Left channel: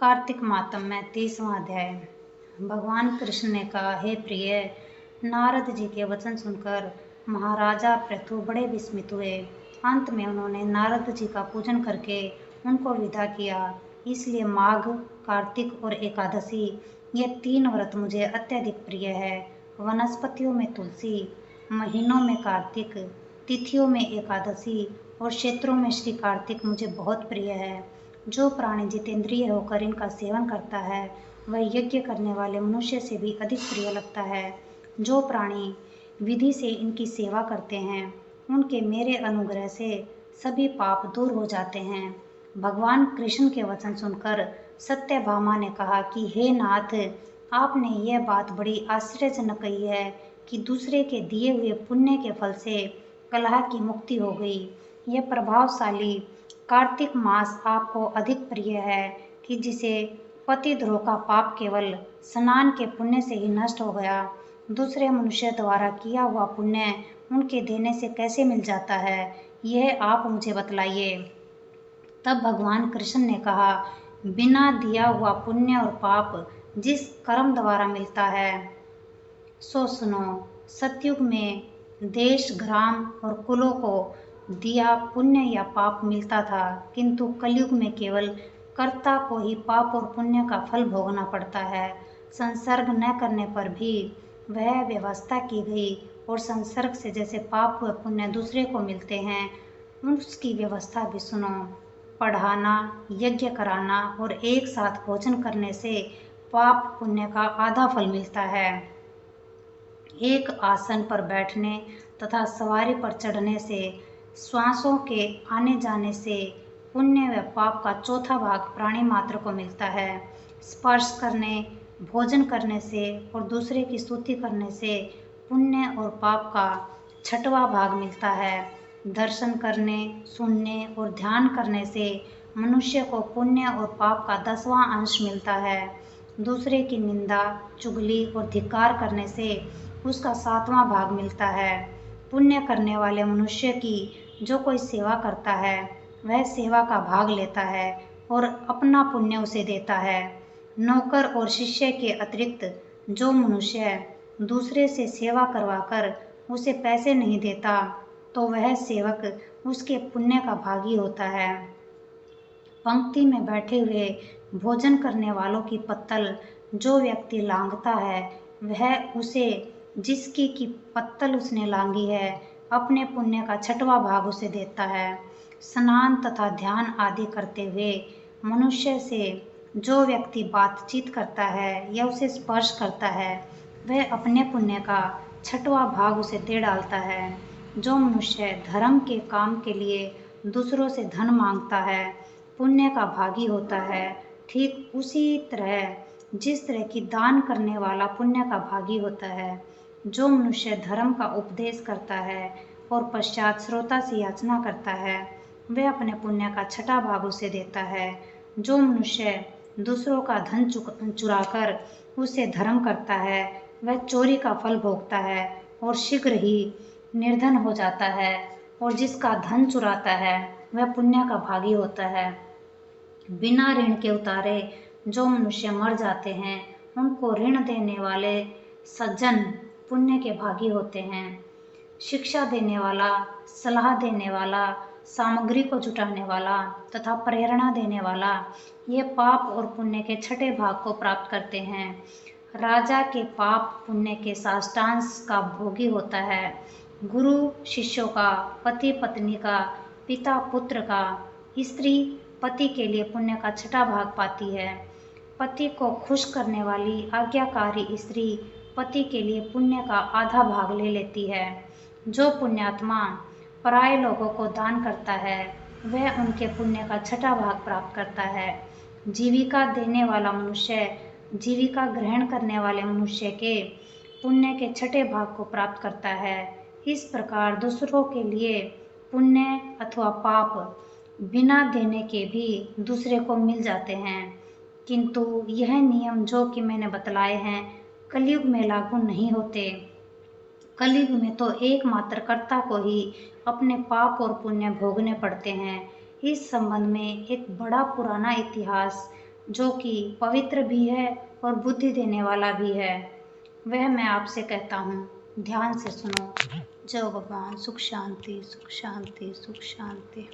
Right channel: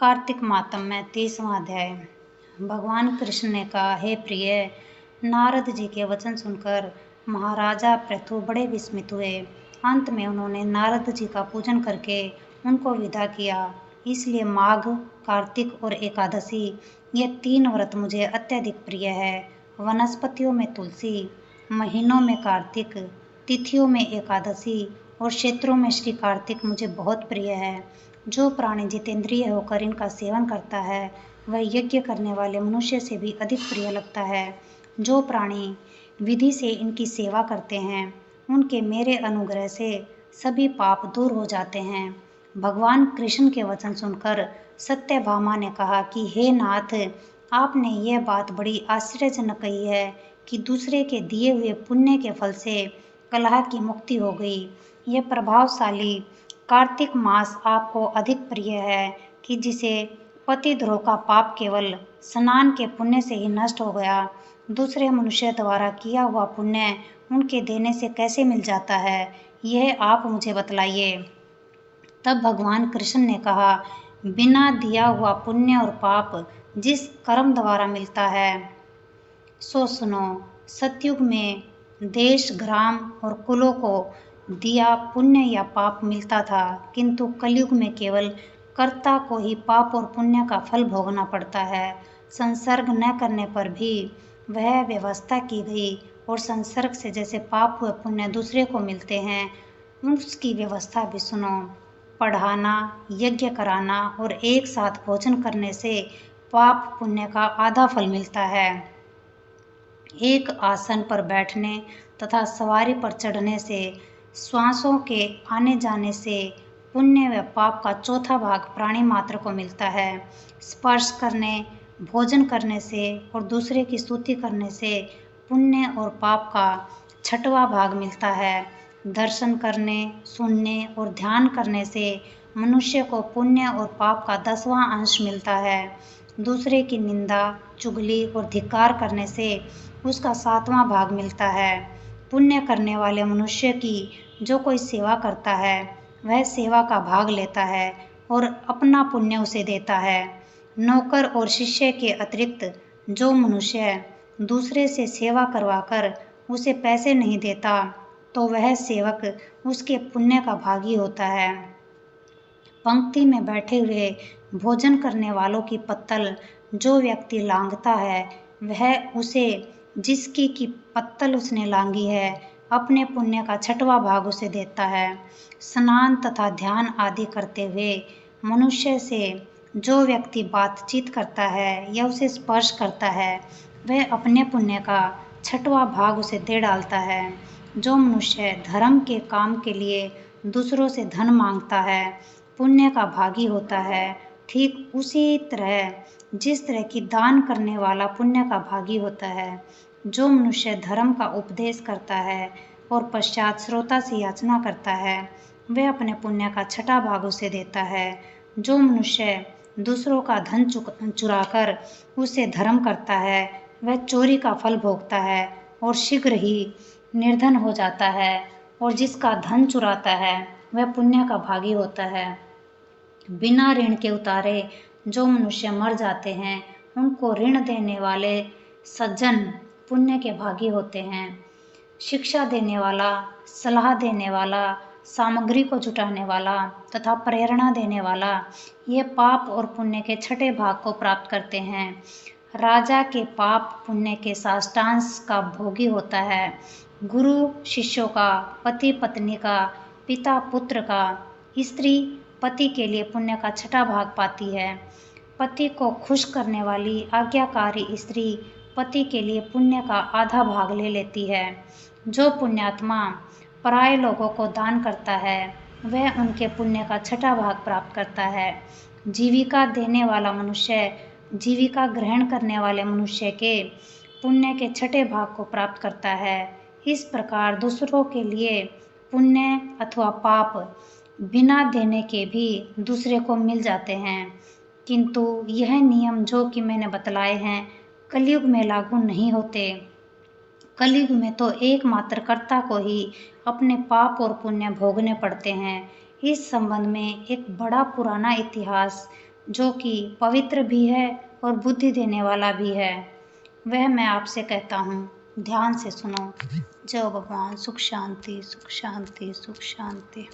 कार्तिक मातम में 30वां अध्याय। भगवान कृष्ण ने कहा, हे प्रिय, नारद जी के वचन सुनकर महाराजा पृथु बड़े विस्मित हुए। अंत में उन्होंने नारद जी का पूजन करके उनको विदा किया। इसलिए माघ, कार्तिक और एकादशी ये 3 व्रत मुझे अत्यधिक प्रिय है। वनस्पतियों में तुलसी, महीनों में कार्तिक, तिथियों में एकादशी और क्षेत्रों में श्री कार्तिक मुझे बहुत प्रिय है। जो प्राणी जितेंद्रिय होकर इनका सेवन करता है वह यज्ञ करने वाले मनुष्य से भी अधिक प्रिय लगता है। जो प्राणी विधि से इनकी सेवा करते हैं उनके मेरे अनुग्रह से सभी पाप दूर हो जाते हैं। भगवान कृष्ण के वचन सुनकर सत्यभामा ने कहा कि हे नाथ, आपने यह बात बड़ी आश्चर्यजनक कही है कि दूसरे के दिए हुए पुण्य के फल से कलह की मुक्ति हो गई। यह प्रभावशाली कार्तिक मास आपको अधिक प्रिय है कि जिसे पतिद्रोह का पाप केवल स्नान के पुण्य से ही नष्ट हो गया। दूसरे मनुष्य द्वारा किया हुआ पुण्य उनके देने से कैसे मिल जाता है, यह आप मुझे बतलाइए। तब भगवान कृष्ण ने कहा, बिना दिया हुआ पुण्य और पाप जिस कर्म द्वारा मिलता है सो सुनो। सतयुग में देश, ग्राम और कुलों को दिया पुण्य या पाप मिलता था, किंतु कलयुग में केवल कर्ता को ही पाप और पुण्य का फल भोगना पड़ता है। संसर्ग न करने पर भी वह व्यवस्था की गई और संसर्ग से जैसे पाप व पुण्य दूसरे को मिलते हैं उसकी व्यवस्था भी सुनो। पढ़ाना, यज्ञ कराना और एक साथ भोजन करने से पाप पुण्य का आधा फल मिलता है। एक आसन पर बैठने तथा सवारी पर चढ़ने से, श्वासों के आने जाने से पुण्य व पाप का चौथा भाग प्राणी मात्र को मिलता है। स्पर्श करने, भोजन करने से और दूसरे की स्तुति करने से पुण्य और पाप का 6वां भाग मिलता है। दर्शन करने, सुनने और ध्यान करने से मनुष्य को पुण्य और पाप का 10वां अंश मिलता है। दूसरे की निंदा, चुगली और धिक्कार करने से उसका 7वां भाग मिलता है। पुण्य करने वाले मनुष्य की जो कोई सेवा करता है वह सेवा का भाग लेता है और अपना पुण्य उसे देता है। नौकर और शिष्य के अतिरिक्त जो मनुष्य दूसरे से सेवा करवाकर उसे पैसे नहीं देता तो वह सेवक उसके पुण्य का भागी होता है। पंक्ति में बैठे हुए भोजन करने वालों की पत्तल जो व्यक्ति लांघता है वह उसे, जिसकी की पत्तल उसने लांघी है, अपने पुण्य का 6वां भाग उसे देता है। स्नान तथा ध्यान आदि करते हुए मनुष्य से जो व्यक्ति बातचीत करता है या उसे स्पर्श करता है वह अपने पुण्य का 6वां भाग उसे दे डालता है। जो मनुष्य धर्म के काम के लिए दूसरों से धन मांगता है पुण्य का भागी होता है। ठीक उसी तरह जिस तरह की दान करने वाला पुण्य का भागी होता है। जो मनुष्य धर्म का उपदेश करता है और पश्चात श्रोता से याचना करता है वह अपने पुण्य का 6वां भाग उसे देता है। जो मनुष्य दूसरों का धन चुराकर उसे धर्म करता है वह चोरी का फल भोगता है और शीघ्र ही निर्धन हो जाता है। और जिसका धन चुराता है वह पुण्य का भागी होता है। बिना ऋण के उतारे जो मनुष्य मर जाते हैं उनको ऋण देने वाले सज्जन पुण्य के भागी होते हैं। शिक्षा देने वाला, सलाह देने वाला, सामग्री को जुटाने वाला तथा प्रेरणा देने वाला ये पाप और पुण्य के 6ठे भाग को प्राप्त करते हैं। राजा के पाप पुण्य के साष्टांश का भोगी होता है। गुरु शिष्यों का, पति पत्नी का, पिता पुत्र का, स्त्री पति के लिए पुण्य का 6ठा भाग पाती है। पति को खुश करने वाली आज्ञाकारी स्त्री पति के लिए पुण्य का आधा भाग ले लेती है। जो पुण्यात्मा पराये लोगों को दान करता है वह उनके पुण्य का 6ठा भाग प्राप्त करता है। जीविका देने वाला मनुष्य जीविका ग्रहण करने वाले मनुष्य के पुण्य के 6ठे भाग को प्राप्त करता है। इस प्रकार दूसरों के लिए पुण्य अथवा पाप बिना देने के भी दूसरे को मिल जाते हैं, किंतु यह नियम जो कि मैंने बतलाए हैं कलयुग में लागू नहीं होते। कलयुग में तो एकमात्र कर्ता को ही अपने पाप और पुण्य भोगने पड़ते हैं। इस संबंध में एक बड़ा पुराना इतिहास जो कि पवित्र भी है और बुद्धि देने वाला भी है, वह मैं आपसे कहता हूँ, ध्यान से सुनो। जय भगवान। सुख शांति, सुख शांति, सुख शांति।